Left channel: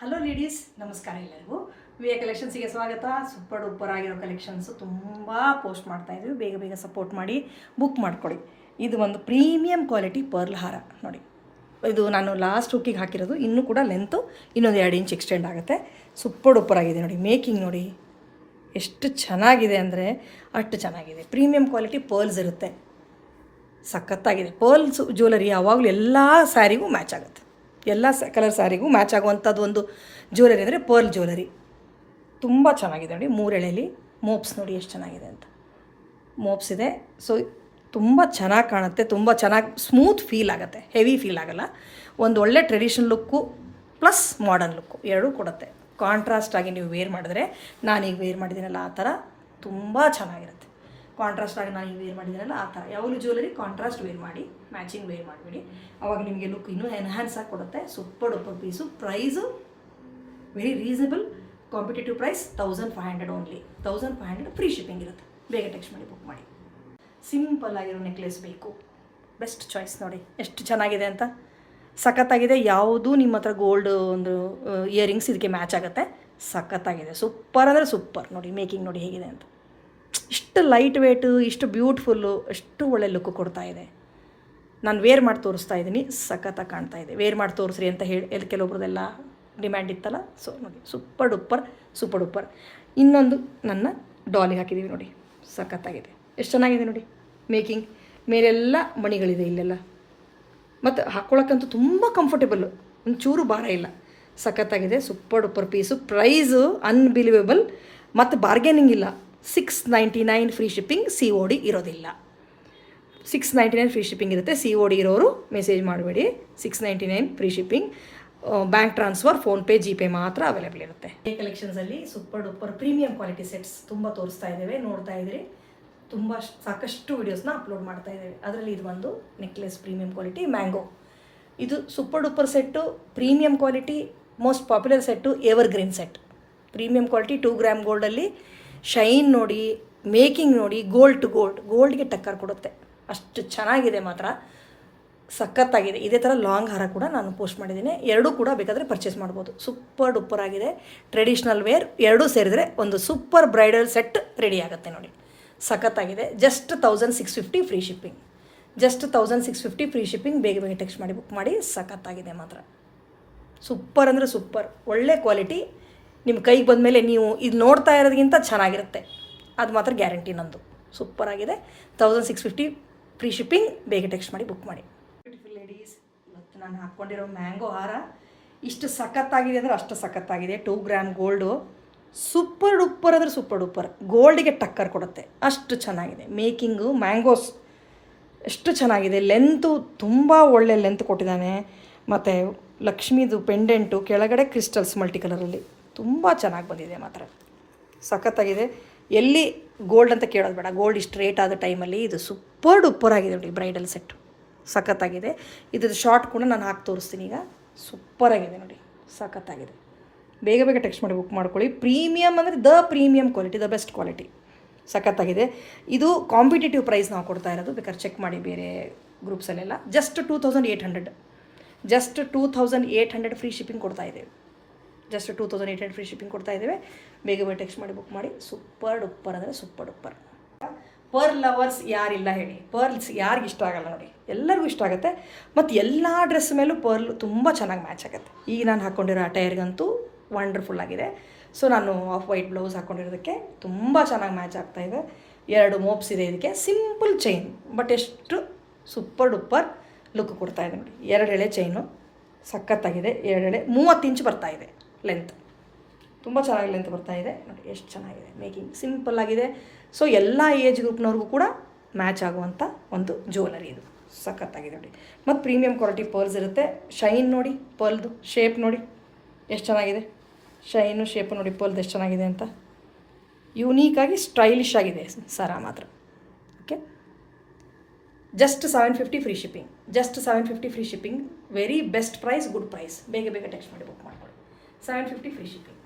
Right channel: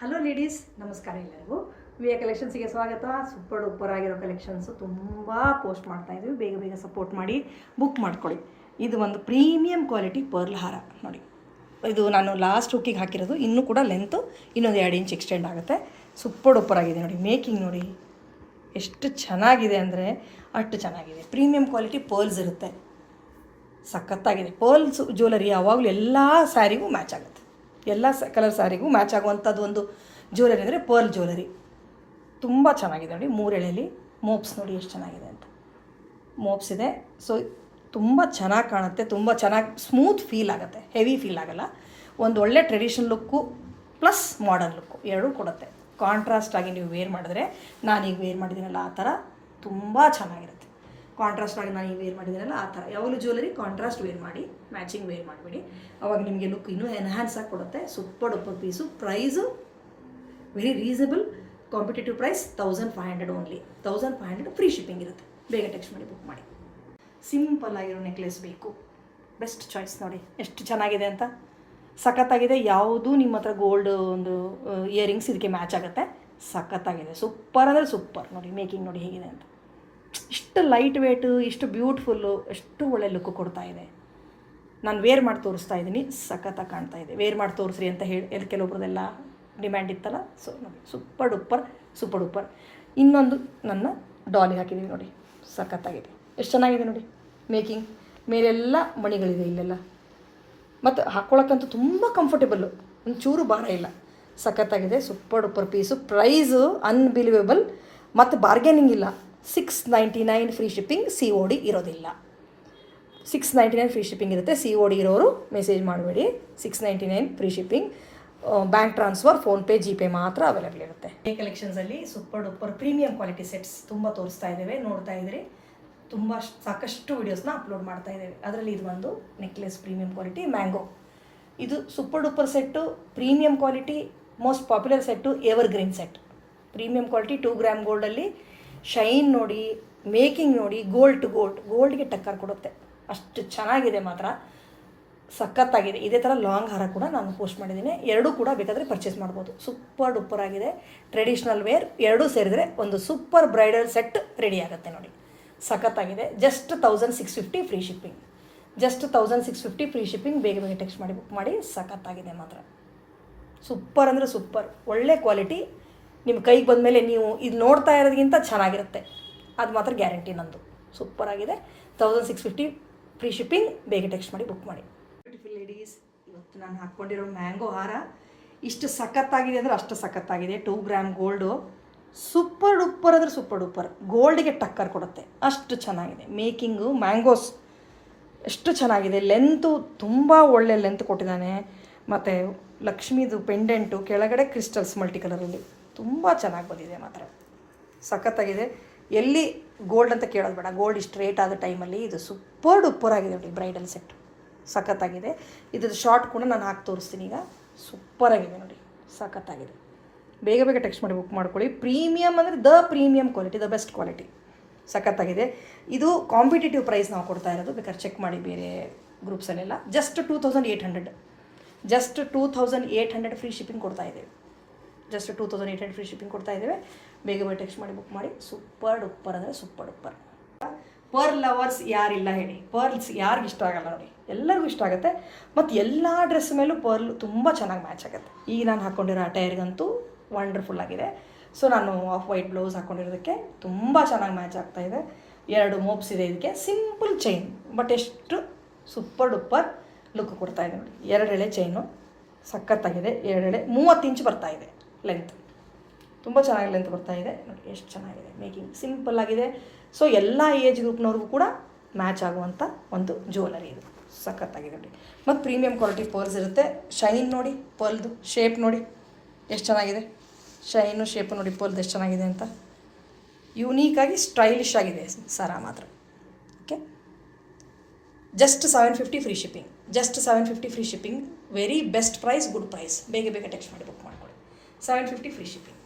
Hello ladies, ನಮಸ್ಕಾರ ಎಲ್ಲರಿಗೂ. V A ಕಲೆಕ್ಷನ್ಸಿಗೆ ಸ್ವಾಗತ. ಸೂಪರ್ ಡೂಪರ್ ಆಗಿರೋ ಕಲೆಕ್ಷನ್ಸು ತುಂಬ ಪೋಸ್ಟ್ ಮಾಡ್ತಾಯಿದ್ವಿ. ಬೇಗ ಬೇಗ ಸಪೋರ್ಟ್ ಮಾಡಿ ಬುಕ್ ಮಾಡ್ಕೊಳ್ಳಿ. ಇದು ಒಂದು ಪ್ರೀಮಿಯಂ ಕ್ವಾಲಿಟಿ ಪರ್ಲ್ ಹಾರ ನೋಡಿ. ಇದು ನಾನು ಲಾಸ್ಟ್ ಹುಕ್ಕಿಗೆ ಹಾಕಿರೋದು. ಇನ್ನೂ ಕೂಡ ಲೆಂತು ಇನ್ನೊಂದು 2 ಇಂಚ್ ಎಕ್ಸ್ಟೆಂಡ್ ಆಗುತ್ತೆ. ಸೂಪರ್ ಡೂಪರ್ ಆಗಿದೆ ನೋಡಿ. ಮೇಕಿಂಗ್ ನೋಡಿ ಎಷ್ಟು ಚೆನ್ನಾಗಿದೆ ಅಂದರೆ ಅಷ್ಟು ಚೆನ್ನಾಗಿದೆ. ಪ್ರೀಮಿಯಂ ಕ್ವಾಲಿಟಿ ಪರ್ಲ್ಸ್ ಇರುತ್ತೆ. ಸಖತ್ತಾಗಿದೆ. ಪರ್ಲ್ಸ್ ಜ್ಯುವೆಲರಿ ಯಾವಾಗಲೂ ಎಲ್ಲ ಸ್ಯಾರಿಗೂ ಮ್ಯಾಚ್ ಆಗುತ್ತೆ. ಎಲ್ಲ ಕಲರ್ ಸ್ಯಾರಿಗೂ ಮ್ಯಾಚ್ ಆಗುವಂಥದ್ದು ಒಂದು ಜ್ಯುವೆಲರಿ ಅಂದರೆ ಪರ್ಲ್ ಜ್ಯುವೆಲರಿ. ತುಂಬ ಚೆನ್ನಾಗಿದೆ ನೋಡಿ. 3 ಎಳೆಯಲ್ಲಿ ಮೋಪ್ಸ್ ನೋಡಿ ಎಷ್ಟು ಚೆನ್ನಾಗಿದೆ ಅಂತ. ಮೋಪ್ಸ್ ಇದೆ. ಸೊ ತುಂಬ ಚೆನ್ನಾಗಿ ಕಾಣುತ್ತೆ. ತುಂಬ ಚೆನ್ನಾಗಿ ಸ್ಮೂತ್ ಫೀಲ್ ಆಗುತ್ತೆ. ಹೆವಿ ಫೀಲ್ ಆಗೋಲ್ಲ. ಒಂದು ಒಳ್ಳೆ traditional look plus modern look ಎರಡೂ ಕೊಡುತ್ತೆ. ಕಾಂಟ್ರಾಸ್ಟ್ ಆಗಿ ನೀವು ವೇರ್ ಮಾಡಿದ್ರೆ, ನಾನೀಗ ವೇರ್ ಮಾಡಿದ್ದೀನಲ್ಲ ಆ ಥರ ತುಂಬ ಚೆನ್ನಾಗಿರುತ್ತೆ. ಕಾಂಟ್ರಾಸ್ಟ್ ಆಗಿ ನಾನು ವೇರ್ ಮಾಡಿದ್ದೀನಲ್ಲ ಆ ಥರ. ಯಾವಾಗಲೂ ಜ್ಯುವೆಲರಿ ಕಾಂಟ್ರಾಸ್ಟ್ ವೇರ್ ಮಾಡಿ, ಮ್ಯಾಚಿಂಗ್ ವೇರ್ ಮಾಡಿಬಿಡಿ. ಅವಾಗ ನಿಮಗೆ ಲುಕ್ ಇನ್ನೂ ಎನ್ಹ್ಯಾನ್ಸ್ ಆಗಿ ಕೊಡುತ್ತೆ. Super duper piece. Price very reasonable. Competitive price 1500 only. 1500 free shipping ಇರುತ್ತೆ. ಬೇಗ ಟೆಕ್ಸ್ಟ್ ಮಾಡಿ ಬುಕ್ ಮಾಡಿ. ಸಿಂಪಲ್ ಆಗಿರೋ ನೆಕ್ಲೆಸ್ ಬೇಕು, ಬೆಸ್ಟ್ ಚಾಯ್ಸ್ ನೋಡಿ ಎಷ್ಟು ಚೆನ್ನಾಗಿದೆ ಅಂತ. ಸಖತ್ತಾಗಿದೆ. ಯಾವುದೂ ನಿಮ್ಮ ಹತ್ರ ಗೋಲ್ಡ್ ಒಂದು ಇಯರಿಂಗ್ಸ್ ಇದಕ್ಕೆ ಮ್ಯಾಚ್ ಆಗುತ್ತೆ. ಸಖತ್ತಾಗಿದೆ. ಸೂಪರ್ ಅಂದರೆ ಸೂಪರ್ ನೋಡಿ. ಮೇಕಿಂಗ್ ನೋಡಿ ಹೇಗಿದೆ ಅಂತ. ಇಷ್ಟು ಲೈಟ್ ವೇಟು, ಇಷ್ಟು ಬ್ಯೂಟಿಫುಲ್ಲು, ಎಷ್ಟು ಒಳ್ಳೆ ಲುಕ್ಕು ಕೊಡ್ತಾ ಇದೆ. ನಾನು ವೇರ್ ಮಾಡಿ ತೋರಿಸ್ತಾ ಇದ್ದೀನಿ. ಸಖತ್ತಾಗಿ ಕಾಣ್ತಾ ಇದೆ. ವೇರ್ ಮಾಡಿ ತೋರಿಸ್ರಿ ಅಂತ ಹೇಳಿ ಕೆಲವೊಬ್ರದೆಲ್ಲ ಡಿಮ್ಯಾಂಡ್ ಇತ್ತಲ್ಲ. ಸೊ ನೋಡಿ ಸೂಪರ್ ಡೂಪರ್. ಇನ್ನೊಂದು ನನ್ನ ಡಾಲಿಗೆ ಹಾಕಿದ್ದೀವಿ ನೋಡಿ. ಸಖತ್ತಾಗಿದೆ. ಎಷ್ಟು ಚೆನ್ನಾಗಿದೆ ನೋಡಿ. ಮೇಕಿಂಗ್ ಮೇಲೆಲ್ಲ ಮಣಿಗಳಿದೆ ಇಲ್ಲೆಲ್ಲ. ಮತ್ತು ಹಾಕ್ಕೊಳಕ್ಕಂತೂ ತುಂಬ ಕಂಫರ್ಟೇಬಲ್ಲು. ಒಂಚೂರು ಭಾರ ಇಲ್ಲ. ಸಖತ್ತಾಗಿದೆ. Super duper piece. Price unbelievable ಮತ್ತು ಬಾರ್ಗೇನಿಂಗ್ ಇಲ್ಲ. 699 ಫ್ರೀ ಶಿಪ್ಪಿಂಗ್. COD ಇರೋದಿಲ್ಲ. 699 ಫ್ರೀ ಶಿಪ್ಪಿಂಗ್ ಇರುತ್ತೆ. COD ಇರೋರು ಮೆಸೇಜ್ ಮಾಡಬೇಡಿ. 699 free shipping. Bank transfer, PhonePe, GPay ಮಾತ್ರ ಅವೈಲೇಬಲ್ ಇರುತ್ತೆ. ಈ ಕಲೆಕ್ಷನ್ಸಲ್ಲಿ super duper premium quality sets ತುಂಬ ತೋರಿಸ್ತಾ ಇದ್ದೇವೆ. ನೋಡ್ತಾ ಇದ್ರಿ. ತುಂಬ ಸಾಕಷ್ಟು ವೀಡಿಯೋಸ್ನ ಅಪ್ಲೋಡ್ ಮಾಡ್ತಾ ಇದ್ದೇವೆ. ಅದರಲ್ಲಿ ಇದು ಒಂದು ನೆಕ್ಲೆಸ್ ಪ್ರೀಮಿಯಂ ಕ್ವಾಲಿಟಿ ಮ್ಯಾಂಗೋ. ಇದು super duper set, premium quality, most popular set, evergreen set. Premium quality 2 gram ಗೋಲ್ಡಲ್ಲಿ ಶೈನ್ ನೋಡಿ, ಮೇಕಿಂಗ್ ನೋಡಿ, ಗೋಲ್ಡ್ ಟು ಗೋಲ್ಡ್ಗೆ ಟಕ್ಕರ್ ಕೊಡುತ್ತೆ. ಅಷ್ಟು ಚೆನ್ನಾಗಿದೆ ಮಾತ್ರ. ಸಖತ್ತಾಗಿದೆ. ಇದೇ ಥರ ಲಾಂಗ್ ಹಾರ ಕೂಡ ನಾನು ಪೋಸ್ಟ್ ಮಾಡಿದ್ದೀನಿ. ಎರಡೂ ಕೂಡ ಬೇಕಾದರೆ ಪರ್ಚೇಸ್ ಮಾಡ್ಬೋದು. ಸೂಪರ್ ಡೂಪರ್ ಆಗಿದೆ. ಟ್ರೆಡಿಷ್ನಲ್ ವೇರ್ ಎರಡೂ ಸೇರಿದ್ರೆ ಒಂದು ಸೂಪರ್ ಬ್ರೈಡಲ್ ಸೆಟ್ ರೆಡಿ ಆಗುತ್ತೆ ನೋಡಿ. ಸಖತ್ತಾಗಿದೆ. Just 1650 free shipping. Just 1650 free shipping. ಬೇಗ ಬೇಗ ಟೆಕ್ಸ್ಟ್ ಮಾಡಿ ಬುಕ್ ಮಾಡಿ. ಸಖತ್ತಾಗಿದೆ ಮಾತ್ರ. ಸೂಪರ್ ಅಂದರೆ ಸೂಪರ್. ಒಳ್ಳೆ ಕ್ವಾಲಿಟಿ. ನಿಮ್ಮ ಕೈಗೆ ಬಂದಮೇಲೆ ನೀವು ಇದು ನೋಡ್ತಾ ಇರೋದಕ್ಕಿಂತ ಚೆನ್ನಾಗಿರುತ್ತೆ. ಅದು ಮಾತ್ರ ಗ್ಯಾರಂಟಿ ನಂದು. ಸೂಪರ್ ಆಗಿದೆ. 1650 ಫ್ರೀ ಶಿಪ್ಪಿಂಗ್. ಬೇಗ ಟೆಕ್ಸ್ಟ್ ಮಾಡಿ ಬುಕ್ ಮಾಡಿ. ಬ್ಯೂಟಿಫುಲ್ ಲೇಡೀಸ್, ಇವತ್ತು ನಾನು ಹಾಕ್ಕೊಂಡಿರೋ ಮ್ಯಾಂಗೋ ಹಾರ ಇಷ್ಟು ಸಖತ್ತಾಗಿದೆ ಅಂದರೆ ಅಷ್ಟು ಸಖತ್ತಾಗಿದೆ. 2 ಗ್ರಾಮ್ ಗೋಲ್ಡು. ಸೂಪರ್ ಡೂಪರ್ ಅಂದರೆ ಸೂಪರ್ ಡೂಪರ್. ಗೋಲ್ಡಿಗೆ ಟಕ್ಕರ್ ಕೊಡುತ್ತೆ. ಅಷ್ಟು ಚೆನ್ನಾಗಿದೆ. ಮೇಕಿಂಗು ಮ್ಯಾಂಗೋಸ್ ಎಷ್ಟು ಚೆನ್ನಾಗಿದೆ. ಲೆಂತು ತುಂಬ ಒಳ್ಳೆ ಲೆಂತ್ ಕೊಟ್ಟಿದ್ದಾನೆ. ಮತ್ತು ಲಕ್ಷ್ಮೀದು ಪೆಂಡೆಂಟು ಕೆಳಗಡೆ ಕ್ರಿಸ್ಟಲ್ಸ್ ಮಲ್ಟಿ ಕಲರಲ್ಲಿ ತುಂಬ ಚೆನ್ನಾಗಿ ಬಂದಿದೆ ಮಾತ್ರ. ಸಖತ್ತಾಗಿದೆ. ಎಲ್ಲಿ ಗೋಲ್ಡ್ ಅಂತ ಕೇಳೋದು ಬೇಡ. ಗೋಲ್ಡ್ ಇಷ್ಟು ರೇಟ್ ಆದ ಟೈಮಲ್ಲಿ ಇದು ಸೂಪರ್ ಡೂಪರ್ ಆಗಿದೆ ನೋಡಿ. ಬ್ರೈಡಲ್ ಸೆಟ್ಟು ಸಖತ್ತಾಗಿದೆ. ಇದ್ರದ್ದು ಶಾರ್ಟ್ ಕೂಡ ನಾನು ಹಾಕಿ ತೋರಿಸ್ತೀನಿ ಈಗ. ಸೂಪರಾಗಿದೆ ನೋಡಿ. ಸಖತ್ತಾಗಿದೆ. ಬೇಗ ಬೇಗ ಟೆಕ್ಸ್ಟ್ ಮಾಡಿ ಬುಕ್ ಮಾಡ್ಕೊಳ್ಳಿ. ಪ್ರೀಮಿಯಮ್ ಅಂದರೆ the premium quality, the best quality. ಸಖತ್ತಾಗಿದೆ. ಇದು ಕಾಂಪಿಟೇಟಿವ್ ಪ್ರೈಸ್ ನಾವು ಕೊಡ್ತಾ ಇರೋದು. ಬೇಕಾದ್ರೆ ಚೆಕ್ ಮಾಡಿ ಬೇರೆ ಗ್ರೂಪ್ಸಲ್ಲೆಲ್ಲ. ಜಸ್ಟ್ 2800. ಜಸ್ಟ್ 2800 ಫ್ರೀ ಶಿಪ್ಪಿಂಗ್ ಕೊಡ್ತಾ ಇದ್ದೇವೆ. ಜಸ್ಟ್ 2800 ಫ್ರೀ ಶಿಪ್ಪಿಂಗ್ ಕೊಡ್ತಾ ಇದ್ದೇವೆ. ಬೇಗ ಬೇಗ ಟೆಕ್ಸ್ಟ್ ಮಾಡಿ ಬುಕ್ ಮಾಡಿ. ಸೂಪರ್ ಡೂಪರ್ ಅಂದರೆ ಸೂಪರ್ ಡೂಪರ್. ಪರ್ಲ್ ಲವರ್ಸ್ ಯಾರಿಲ್ಲ ಹೇಳಿ. ಪರ್ಲ್ಸ್ ಯಾರಿಗೆ ಇಷ್ಟ ಆಗಲ್ಲ ನೋಡಿ. ಎಲ್ಲರಿಗೂ ಇಷ್ಟ ಆಗುತ್ತೆ. ಮತ್ತು ಎಲ್ಲ ಡ್ರೆಸ್ ಮೇಲೂ ಪರ್ಲ್ ತುಂಬ ಚೆನ್ನಾಗಿ ಮ್ಯಾಚ್ ಆಗುತ್ತೆ. ಈಗ ನಾನು ಹಾಕ್ಕೊಂಡಿರೋ ಅಟೈರ್ಗಂತೂ ವಂಡರ್ಫುಲ್ ಆಗಿದೆ. ಸೊ ನಾನು ಆಫ್ ವೈಟ್ ಬ್ಲೌಸ್ ಹಾಕ್ಕೊಂಡಿರೋದಕ್ಕೆ ತುಂಬ ಚೆನ್ನಾಗಿ ಮ್ಯಾಚ್ ಆಗ್ತಾಯಿದೆ. 2 ಮೋಪ್ಸ್ ಇದೆ ಇದಕ್ಕೆ. ಸಿಂಪಲ್ ಚೈನ್ ಬಟ್ ಎಷ್ಟು ಸೂಪರ್ ಡೂಪರ್ ಲುಕ್ ಕೊಡ್ತಾ ಇದೆ ನೋಡಿ. 2 ಎಳೆ ಚೈನು ಸಖತ್ತಾಗಿದೆ. 2 ಎಳೆ 30 ಇಂಚ್ ಬರ್ತಾಯಿದೆ ಲೆಂತ್. ತುಂಬ ಚೆನ್ನಾಗಿ ಲೆಂತ್ ಬರ್ತಾಯಿದೆ ನೋಡಿ. ಎಷ್ಟು ಚೆನ್ನಾಗಿದೆ. ಮೇಕಿಂಗ್ ಸಿಂಪಲ್ ಆಗಿದೆ. ಸೊ ಎಲ್ಲ ಏಜ್ ಗ್ರೂಪ್ನವ್ರಿಗೂ ಕೂಡ ಮ್ಯಾಚ್ ಆಗುವಂಥ ಒಂದು ಜ್ಯುವೆಲರಿ ಇದು. ಸಖತ್ತಾಗಿದೆ ನೋಡಿ. ಮತ್ತು ಪ್ರೀಮಿಯಂ ಕ್ವಾಲಿಟಿ ಪರ್ಲ್ಸ್ ಇರುತ್ತೆ. ಶೈನ್ ನೋಡಿ, ಪರ್ಲ್ದು ಶೇಪ್ ನೋಡಿ ಎಷ್ಟು ಚೆನ್ನಾಗಿದೆ. ಶೈನು ಶೇಪು ನೋಡಿ ಪರ್ಲ್ದು ಎಷ್ಟು ಚೆನ್ನಾಗಿದೆ ಅಂತ. ಯೂನೀಕಾಗಿ ಸ್ಟೈಲಿಶ್ ಆಗಿದೆ ಸರ ಮಾತ್ರ. Okay. Just 750 free shipping. Just 750 free shipping. Very best price, good price. ಬೇಗ ಬೇಗ ಟೆಕ್ಸ್ಟ್ ಮಾಡಿ ಬುಕ್ ಮಾಡ್ಕೊಳ್ಳಿ. 750 ಫ್ರೀ ಶಿಪ್ಪಿಂಗ್.